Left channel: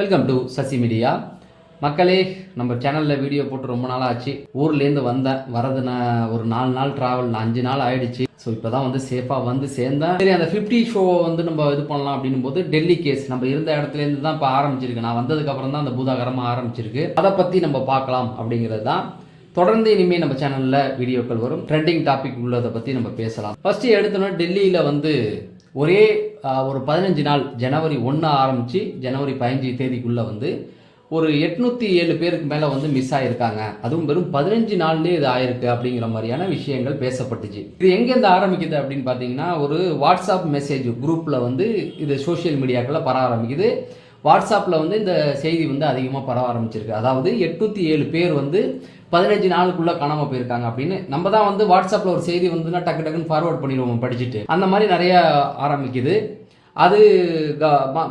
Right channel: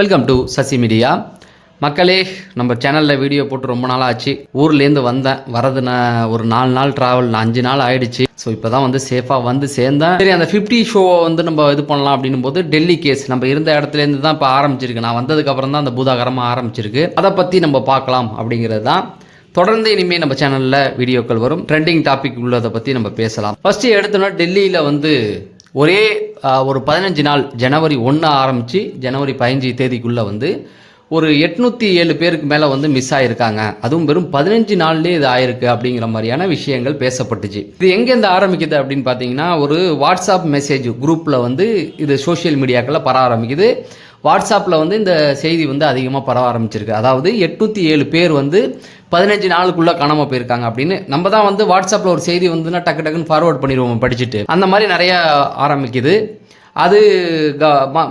Welcome to Sasi media. மக்களே, நம்ம சேனலில் வீடியோ போட்டு ரொம்ப நாள் ஆச்சு. ஊர்லேருந்து வரது நான் ஒரு 4 நாள் ட்ராவல், 5 நாள் ஆகிடுச்சு. ஸோ இப்போ தான் வந்து சேஃபாக வந்து சேர்ந்தேன். சரி, அந்த 50 ஷோவை வந்து நம்ம இது பண்ணலாம் அப்படின்னும் போது டெல்லி கேஸ் நம்ம இருந்த இடத்துலேருந்து தான் இப்போ ஆரம்பிச்சிருக்கு. நான் வந்ததுக்கப்புறம் தான் அந்த பூதாகரமாக ஆரம்பிச்சிருக்கு. அதை பற்றி நம்ம பார்க்கலாம் அப்படிங்கிறது தான். தொடர்ந்து இனிமேல் நம்ம சேனலில் வீடியோக்கள் வரும். ட்ரெண்டிங் டாபிக் உள்ளதை பற்றி நம்ம பேசலாம். ஃபஸ்ட்டு எடுத்தோன்னா டெல்லியில் வந்து ஒரே ஒரு 15 நாள் ஜனவரி 1 ஆரம்பித்து ஜனவரி 15 தேதிக்குள்ளே வந்து ஒரு 807 பேருக்கு மேலே வந்து மிஸ் ஆகிருக்காங்க. அதுவும் வெறும் 15 நாள்லேயே இது ஆயிருக்கு அப்படிங்கிற மாதிரியான விஷயங்கள் பேசப்பட்டுச்சு. இது எங்கேருந்து ஆரம்பிக்குது அப்படின்னு பார்த்தீங்கன்னா, ஒரு வாட்ஸ்அப் மெசேஜ் குரூப்பில் வந்து இது சோஷியல் மீடியாக்களில் பரவ ஆரம்பிக்குது. வாட்ஸ்அப்பில் வந்து இந்த செய்தி வந்து அதிகமாக பரவ ஆரம்பிச்சிருக்கு. அதாவது 807 பேர் வந்து 15 நாளுக்குள்ளே காணாமல் போயிருக்காங்க அப்படின்னு. நம்ம தான் வந்து வாட்ஸ்அப்பில் ஒரு செய்தி வந்துன்னா டக்கு டக்குன்னு ஃபார்வர்ட் பண்ணிடுவோம் படிச்சுட்டு. அந்த மாதிரி நிறைய ஆரம்பிக்குது. அது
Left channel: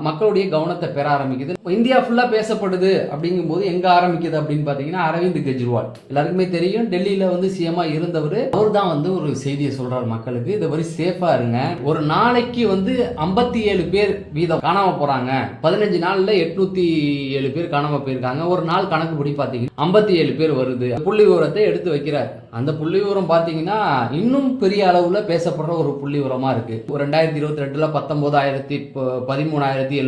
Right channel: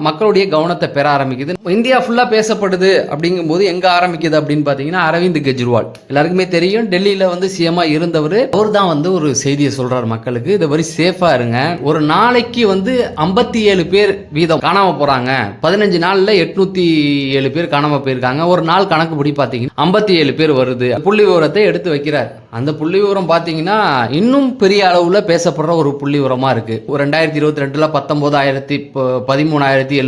மக்களுடைய கவனத்தை பெற ஆரம்பிக்குது. இந்தியா ஃபுல்லாக பேசப்படுது அப்படிங்கும்போது எங்கே ஆரம்பிக்குது அப்படின்னு பார்த்தீங்கன்னா, அரவிந்த் கெஜ்ரிவால் எல்லாருக்குமே தெரியும். டெல்லியில் வந்து சிஎம்மாக இருந்தவர். அவர் தான் வந்து ஒரு செய்தியை சொல்கிறார் மக்களுக்கு, இது மாதிரி சேஃபாக இருங்க. ஒரு நாளைக்கு வந்து 57 பேர் வீதம் காணாமல் போகிறாங்க. 15 நாளில் 807 பேர் காணாமல் போயிருக்காங்க. ஒரு நாள் கணக்குப்படி பார்த்தீங்கன்னா 57 பேர் வருது. புள்ளி விவரத்தை எடுத்து வைக்கிறார். அந்த புள்ளி விவரம் பார்த்தீங்கன்னா இன்னும் பெரிய அளவில் பேசப்படுற ஒரு புள்ளி விவரமாக இருக்குது. 2022 13,799,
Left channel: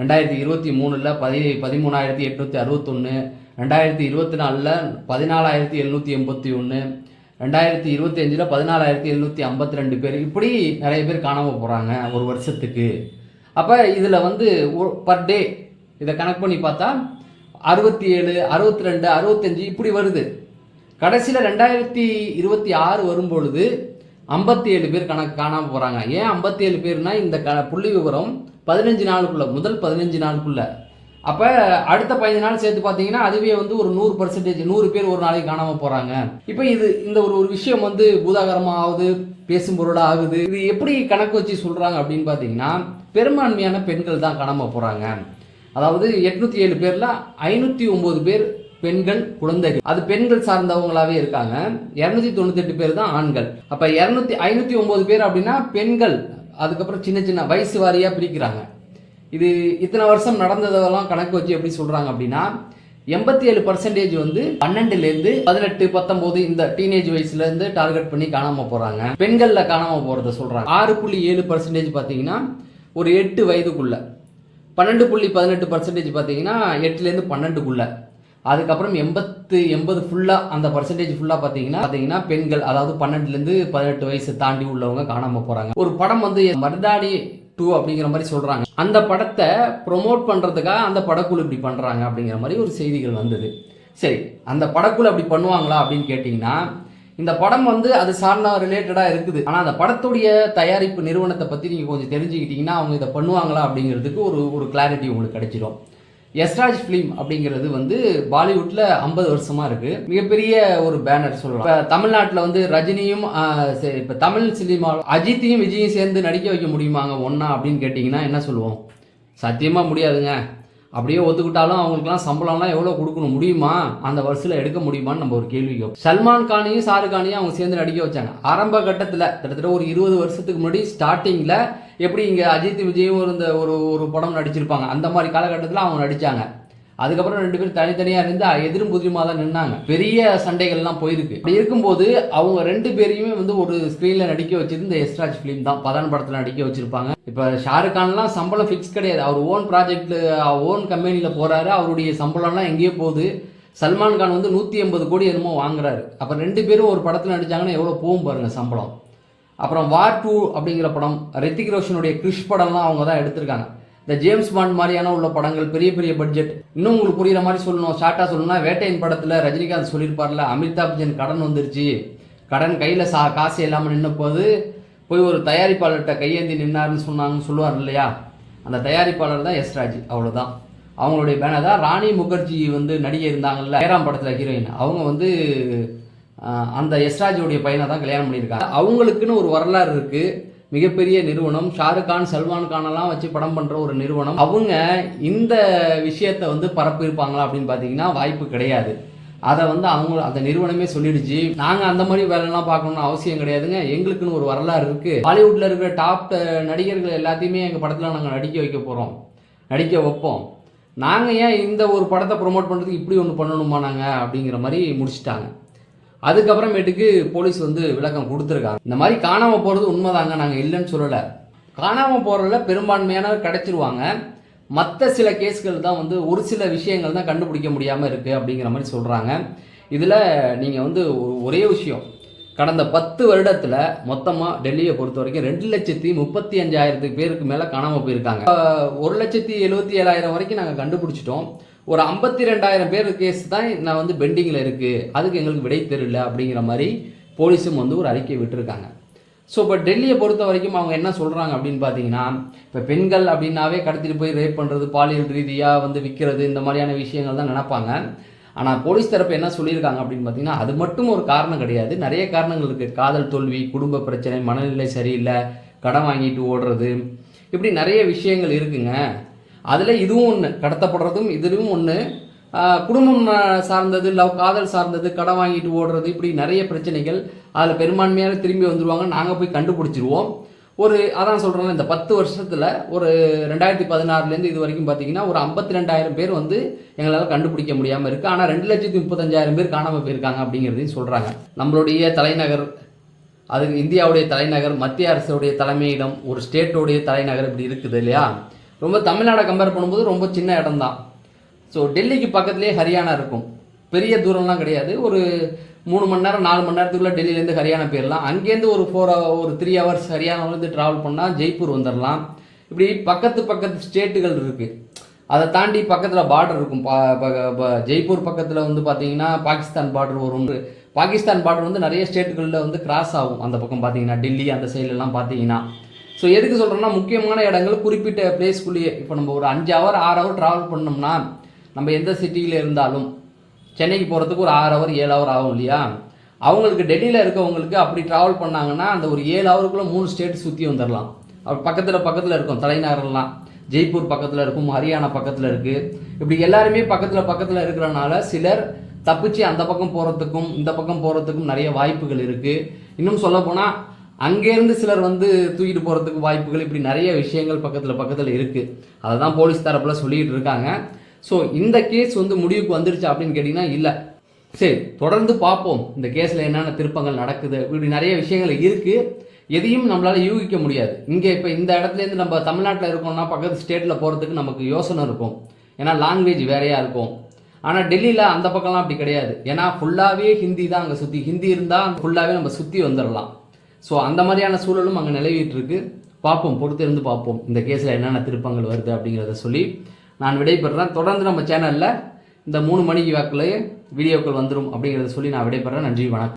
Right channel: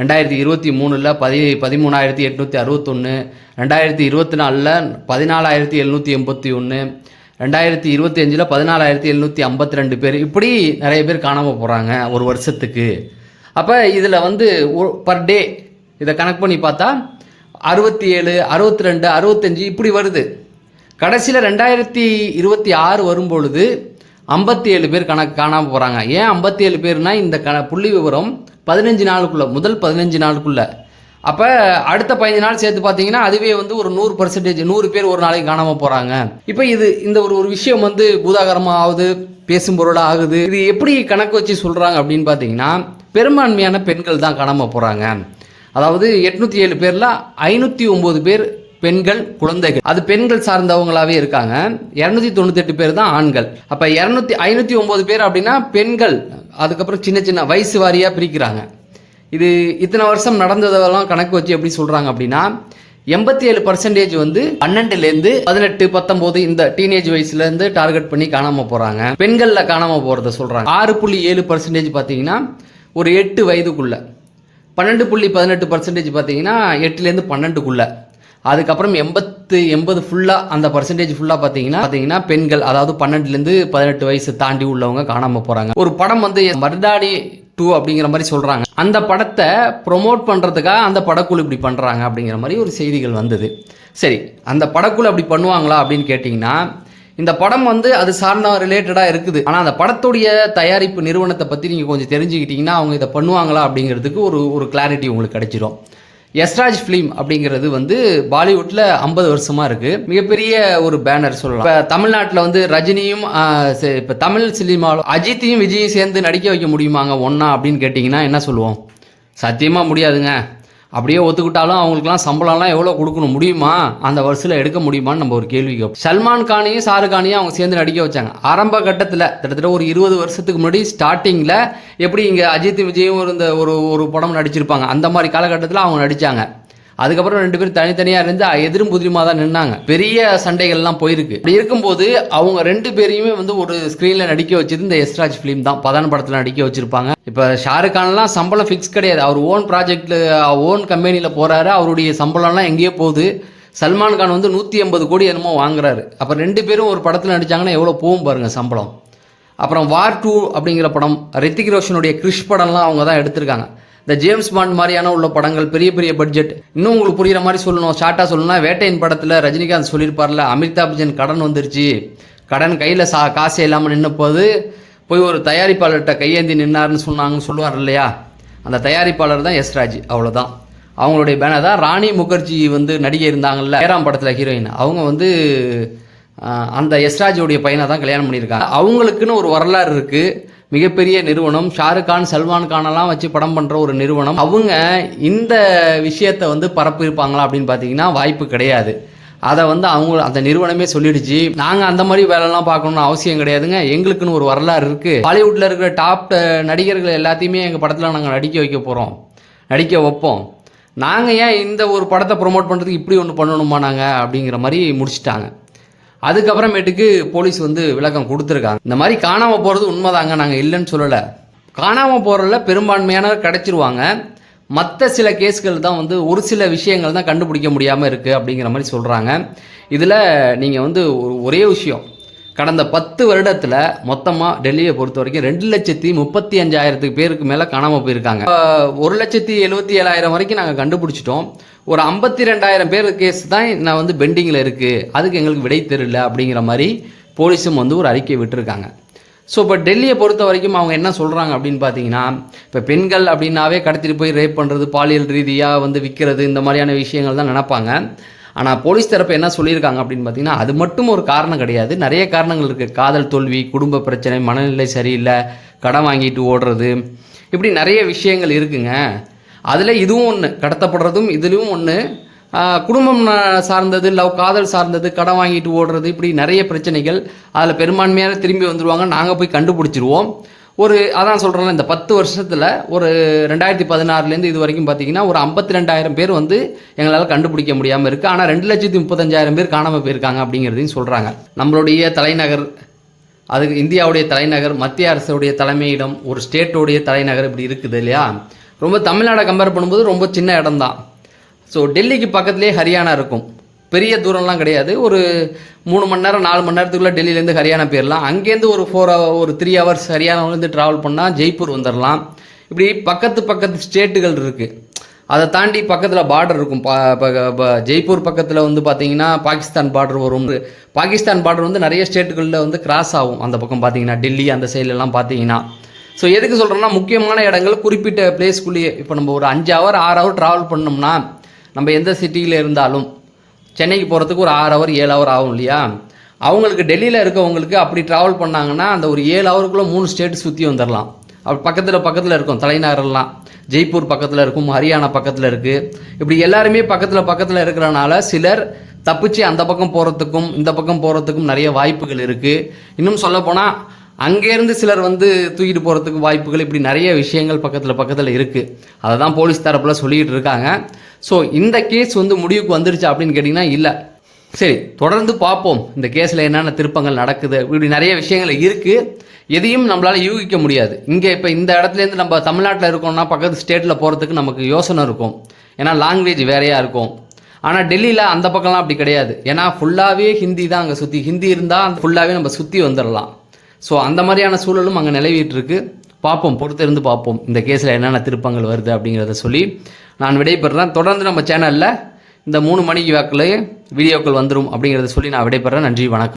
2023 13,861, 2024 14,781, 2025 14,752 பேர், இப்படி நிறைய பேர் காணாமல் போகிறாங்க ஒரு வருஷத்துக்கு. அப்போ இதில் வந்து பர் டே இதை கணக்கு பண்ணி பார்த்தா 67, 62, 65 இப்படி வருது. கடைசியில் 2026 வரும்பொழுது 57 பேர் காணாமல் போகிறாங்க. ஏன் 57 பேர்னா, இந்த புள்ளி விவரம் 15 நாளுக்குள்ள, முதல் 15 நாளுக்குள்ள. அப்போ அடுத்த 15 நாள் சேர்த்து பார்த்தீங்கன்னா அதுவே வந்து ஒரு 100%, 100 பேர் ஒரு நாளைக்கு காணாமல் போகிறாங்க. இப்போ இந்த ஒரு விஷயம் வந்து பூதாகரமாக ஆகுது, பேசும் பொருளாக ஆகுது. இது எப்படி கணக்கு வச்சு சொல்கிறாங்க அப்படின்னு பார்த்தீங்கன்னா, பெரும்பான்மையான பெண்கள் தான் காணாமல் போகிறாங்க. அதாவது 807 பேரில் 509 பேர் பெண்கள், குழந்தைகள். அது பெண்கள் சார்ந்தவங்களாவே இருக்காங்க. 298 பேர் தான் ஆண்கள். அப்போ 509 பேர் அப்படின்னா பெண்கள். அதுக்கப்புறம் சின்ன சின்ன வயசு வாரியாக பிரிக்கிறாங்க. இது இத்தனை வருஷம் நடந்ததெல்லாம் கணக்கு வச்சு எப்படி சொல்கிறாங்க அப்படின்னா, 87% வந்து 12லேருந்து 18, 19 இந்த டீனேஜ் வயசுலேருந்து டார்கெட் பண்ணி காணாமல் போகிறாங்க. பெண்களில் காணாமல் போகிறத சொல்கிறாங்க. 6.7% பார்த்தீங்கன்னா ஒரு 8 வயதுக்குள்ள. 12.18% பார்த்தீங்கன்னா 8லேருந்து 12க்குள்ள. அதுக்கப்புறம் 80 ஃபுல்லாக, அந்த பர்சன்டேஜ் ஃபுல்லாக பார்த்தீங்கன்னா பெண்கள், அதாவது 12லேருந்து 18 வயசு தாண்டி உள்ளவங்க காணாமல் போகிறாங்க. ஒரு படம் வந்து மர்தானி 2 அப்படிங்கிற மாதிரி சொல்கிறாங்க. அந்த படத்தை ப்ரொமோட் பண்ணுறதுக்காக அந்த படக்குழு இப்படி பண்ணுறாங்க அப்படிங்கிற மாதிரி ஒரு செய்திகள் வந்தது. சரி, அந்த படக்குழு அப்படி பண்ணுவாங்களா அப்படின்னு கேட்டிங்கன்னா, இந்த படம் வந்து அது சார்ந்த ரிலேட்டடாக இருக்குது. ஆனால் அந்த படத்துடைய தயாரிப்பு நிறுவனத்தை பற்றி நீங்கள் கொஞ்சம் தெரிஞ்சுக்கிட்டிங்கன்னா அவங்க இதை பண்ணுவாங்களா அப்படிங்கிறதுக்கு ஒரு கிளாரிட்டி உங்களுக்கு கிடைச்சிடும். யஷ்ராஜ் ஃபிலிம் அப்படிங்கிறது வந்து பாலிவுட்டில் 50 வருஷமாக இருக்குது. மிகப்பெரிய ஒரு பேனர் சொல்லலாம். இப்போ தமிழ்நாட்டில் வந்து ரஜினியும், இப்போ தமிழ் சினிமாவில் அஜித்தையும் விஜயும் சேர்ந்து நடிக்க வைக்க முடியுமாங்க ஒன்றா அப்படின்னு கேட்டிங்கன்னா என்ன சொல்லுவோம்? சத்தியமாக முடியாதுங்க. அப்படியே ஒத்துக்கிட்டாலும் அவங்களுக்குலாம் சம்பளம்லாம் எவ்வளோ கொடுக்கணும், முடியுமா? அந்த வருஷத்தில் எடுக்க முடியுமான்னு நம்ம ஒரு கேள்வி கேட்போம். சல்மான் கானையும் ஷாருக் கானையும் அவங்க சேர்ந்து நடிக்க வச்சாங்க. ஆரம்ப கட்டத்தில் கிட்டத்தட்ட ஒரு 20 வருஷத்துக்கு முன்னாடி ஸ்டார்டிங்கில் எப்படி இங்கே அஜித் விஜயும் இருந்த ஒரு படம் நடிச்சிருப்பாங்க, அந்த மாதிரி காலகட்டத்தில் அவங்க நடித்தாங்க. அதுக்கப்புறம் 2 பேரும் தனித்தனியாக இருந்து எதிரும் புதிரிமாக தான் நின்னாங்க. பெரிய சண்டைகள்லாம் போயிருக்கு. அப்படி இருக்கும்போது அவங்க 2 பேரையுமே வந்து ஒரு ஸ்க்ரீனில் நடிக்க வச்சது இந்த யஷ்ராஜ் ஃபிலிம் தான். பதான் படத்தில் நடிக்க வச்சுருப்பாங்க. இப்போ ஷாருக் கான்லாம் சம்பளம் ஃபிக்ஸ் கிடையாது. அவர் ஓன் ப்ராஜெக்டில், ஓன் கம்பெனியில் போகிறாரு. அவருடைய சம்பளம்லாம் எங்கேயோ போகுது. சல்மான் கான் வந்து 180 கோடி என்னமோ வாங்குறாரு. அப்போ 2 பேரும் ஒரு படத்தில் நடித்தாங்கன்னா எவ்வளோ போகும் பாருங்கள் சம்பளம். அப்புறம் வார் 2 அப்படிங்கிற படம், ரித்திக் ரோஷனுடைய கிறிஷ் படம்லாம் அவங்க தான் எடுத்திருக்காங்க. இந்த ஜேம்ஸ் பாண்ட் மாதிரியான உள்ள படங்கள், பெரிய பெரிய பட்ஜெட். இன்னும் உங்களுக்கு புரிகிற மாதிரி சொல்லணும், ஷார்ட்டாக சொல்லணும்னா, வேட்டையின் படத்தில் ரஜினிகாந்த் சொல்லியிருப்பார்ல, அமிதாப் பச்சன் கடன் வந்துருச்சு, கடன் கையில் காசே இல்லாமல் நின்ன போது போய் ஒரு தயாரிப்பாளர்கிட்ட கையேந்தி நின்னார்னு சொல்லுவார் இல்லையா, அந்த தயாரிப்பாளர் தான் யஷ்ராஜ். அவ்வளோதான். அவங்களுடைய பேனர் தான். ராணி முகர்ஜி வந்து நடிகை இருந்தாங்கல்ல, ஏராம் படத்தில் ஹீரோயின், அவங்க வந்து அந்த யஷ்ராஜோடைய பையனை தான் கல்யாணம் பண்ணியிருக்காங்க. அவங்களுக்குன்னு ஒரு வரலாறு இருக்குது. மிகப்பெரிய நிறுவனம், ஷாருக் கான், சல்மான் கானெல்லாம் வச்சு படம் பண்ணுற ஒரு நிறுவனம். அவங்க இந்த விஷயத்தை வந்து பரப்பியிருப்பாங்களா அப்படின்னு பார்த்தீங்கன்னா வாய்ப்பு கிடையாது. அதை வந்து அந்த நிறுவனமே சொல்லிடுச்சு, நாங்கள் அந்த மாதிரி வேலைலாம் பார்க்கணும்னு அவசியம் கிடையாதுங்க, எங்களுக்குன்னு ஒரு வரலாறு இருக்குது, பாலிவுட்டில் இருக்கிற டாப் நடிகர்கள் எல்லாத்தையுமே எங்கள் படத்தில் நாங்கள் நடிக்க வைக்க போகிறோம் நடிக்க வைப்போம், நாங்கள் ஏன் இந்த ஒரு படத்தை ப்ரொமோட் பண்ணுறதுக்கு இப்படி ஒன்று பண்ணணுமா நாங்கள் அப்படிங்கிற மாதிரி முடிச்சிட்டாங்க. அதுக்கப்புறமேட்டுக்கு போலீஸ் வந்து விளக்கம் கொடுத்துருக்காங்க. இந்த மாதிரி காணாமல் போகிறது உண்மைதாங்க, நாங்கள் இல்லைன்னு சொல்லலை. காணாமல் போகிறதுல பெரும்பான்மையானவர் கிடச்சிருவாங்க. மற்ற சில கேஸ்கள் தான் வந்து ஒரு சில விஷயங்கள் தான் கண்டுபிடிக்க முடியாமல் இருக்குது அப்படிங்கிற மாதிரி சொல்கிறாங்க. இதில் நீங்கள் வந்து ஒரே விஷயம், கடந்த 10 வருடத்தில் மொத்தமாக டெல்லியை பொறுத்த வரைக்கும் 2,35,000 பேருக்கு மேலே காணாமல் போயிருக்காங்க. 1,77,000 வரைக்கும் நாங்கள் கண்டுபிடிச்சிட்டோம். ஒரு 52,000 பேர் கேஸ் தான் நான் வந்து பெண்டிங்கில் இருக்குது, அதுக்கு எங்களுக்கு விடை தெரியல அப்படிங்கிற மாதிரி போலீஸும் வந்து ஒரு அறிக்கை விட்டுருக்காங்க. ஸோ இப்போ டெல்லியை பொறுத்த வரைக்கும் அவங்க என்ன சொல்கிறாங்க அப்படின்னு பார்த்தீங்கன்னா, இப்போ பெண்கள் அப்படின்னாவே கடத்திட்டு போய் ரேப் பண்ணுறது, பாலியல் ரீதியாக வந்து விற்கிறது, இந்த மாதிரியான விஷயங்கள் தான் நினைப்பாங்க. ஆனால் போலீஸ் தரப்பு என்ன சொல்லியிருக்காங்க அப்படின்னு பார்த்தீங்கன்னா, அது மட்டும் ஒரு காரணம் கிடையாது, நிறைய காரணங்கள் இருக்குது. காதல் தோல்வி, குடும்ப பிரச்சனை, மனநிலை சரியில்லை, கடன் வாங்கிட்டு ஓடுறது, இப்படி நிறைய விஷயங்கள் இருக்குங்க. அதில் இதுவும் ஒன்று, கடத்தப்படுறதும் இதுவும் ஒன்று. குடும்பம் சார்ந்தது, காதல் சார்ந்தது, கடன் வாங்கிட்டு ஓடுறது, இப்படி நிறைய பிரச்சனைகள். அதில் பெரும்பான்மையான திரும்பி வந்துடுவாங்க, நாங்கள் போய் கண்டுபிடிச்சிருவோம். அதான் சொல்கிறோம், இந்த 10 வருஷத்தில் ஒரு 2016 இது வரைக்கும் பார்த்தீங்கன்னா ஒரு 52,000 பேர் வந்து எங்களால் கண்டுபிடிக்க முடியாமல் இருக்குது. ஆனால் 2,35,000 பேர் காணாமல் போயிருக்காங்க அப்படிங்கிறதையும் சொல்கிறாங்க. நம்மளுடைய தலைநகர், அதுக்கு இந்தியாவுடைய தலைநகர், மத்திய அரசுடைய தலைமையிடம், ஒரு ஸ்டேட்டோடைய தலைநகர் இப்படி இருக்குது இல்லையா. ரொம்ப தமிழ்நாடை கம்பேர் பண்ணும்போது ரொம்ப சின்ன இடம் தான். ஸோ டெல்லிக்கு பக்கத்துலேயே ஹரியானா இருக்கும், பெரிய தூரம்லாம் கிடையாது. ஒரு 3 மணி நேரம் 4 மணி நேரத்துக்குள்ளே டெல்லியிலேருந்து ஹரியானா போயிடலாம். அங்கேருந்து ஒரு 3 ஹவர்ஸ் ஹரியானாவிலேருந்து ட்ராவல் பண்ணால் ஜெய்ப்பூர் வந்துடலாம். இப்படி பக்கத்து ஸ்டேட்டுகள் இருக்குது. அதை தாண்டி பக்கத்தில் பார்டர் இருக்கும். ஜெய்ப்பூர் பக்கத்தில் வந்து பார்த்தீங்கன்னா பாகிஸ்தான் பார்டர் வரும். பாகிஸ்தான் பார்டர் வந்து நிறைய ஸ்டேட்டுகளில் வந்து கிராஸ் ஆகும். அந்த பக்கம் பார்த்தீங்கன்னா டெல்லி அந்த சைட்லலாம் பார்த்தீங்கன்னா. ஸோ எதுக்கு சொல்கிறோன்னா, முக்கியமான இடங்கள் குறிப்பிட்ட பிளேஸ்க்குள்ளேயே, இப்போ நம்ம ஒரு 5 ஹவர் 6 ஹவர் ட்ராவல் பண்ணோம்னா, நம்ம எந்த சிட்டியில் இருந்தாலும் சென்னைக்கு போகிறதுக்கு ஒரு 6 ஹவர் 7 ஹவர் ஆகும் இல்லையா. அவங்களுக்கு டெல்லியில் இருக்கவங்களுக்கு அப்படி ட்ராவல் பண்ணாங்கன்னா அந்த ஒரு 7 ஹவருக்குள்ளே 3 ஸ்டேட் சுற்றி வந்துடலாம். அப்படி பக்கத்தில் இருக்கும் தலைநகரெல்லாம். ஜெய்ப்பூர் பக்கத்தில் இருக்கும், ஹரியானா பக்கத்தில் இருக்குது. இப்படி எல்லாருமே பக்கத்தில் இருக்கிறனால சிலர் தப்பிச்சு அந்த பக்கம் போகிறதுக்கும் இந்த பக்கம் போகிறதுக்கும் நிறைய வாய்ப்புகள் இருக்குது. இன்னும் சொல்லப்போனால் அங்கேருந்து சிலர் வந்து தூக்கிட்டு போகிறதுக்கு வாய்ப்புகள், இப்படி நிறைய விஷயங்கள் பக்கத்தில் இருக்குது. அதை தான் போலீஸ் தரப்பில் சொல்லிக்கிட்டு இருக்காங்க. ஸோ இந்த கேஸ் வந்து முடிவுக்கு வந்துருச்சு அப்படின்னு கேட்டிங்கன்னா இல்லை. சரி, தொடர்ந்து பார்ப்போம் இந்த கேஸில் என்னென்ன திருப்பங்கள் நடக்குது. இப்படி நிறைய விஷயங்கள் இருக்குது, எதையும் நம்மளால் யூகிக்க முடியாது. இங்கே இப்போ இந்த இடத்துலேருந்து நம்ம தமிழ்நாட்டில் இருக்கோம்னா பக்கத்து ஸ்டேட்டில் போகிறதுக்கு நமக்கு யோசனை இருக்கும், ஏன்னா லாங்குவேஜ் வேறையாக இருக்கும். ஆனால் டெல்லியில் அந்த பக்கம்லாம் அப்படி கிடையாது, ஏன்னா ஃபுல்லாகவே ஹிந்தி தான் அங்கே சுற்றி. ஹிந்தி இருந்தால் ஃபுல்லாகவே நம்ம சுற்றி வந்துடலாம். ஸோ அந்த மாதிரியான சூழலும் அங்கே நிலவிட்டு இருக்கு. பார்ப்போம், பொறுத்திருந்து பார்ப்போம் இந்த கேஸில் என்னென்ன திருப்பங்கள் வருது அப்படிங்கிறத சொல்லி நான் விடைபெறேன். தொடர்ந்து நம்ம சேனலில் இந்த 3 மணிக்கு வாக்கில் வீடியோக்கள் வந்துடும் அப்படிங்கிறத சொல்லி நான் விடைபெறேன். நன்றி, வணக்கம்.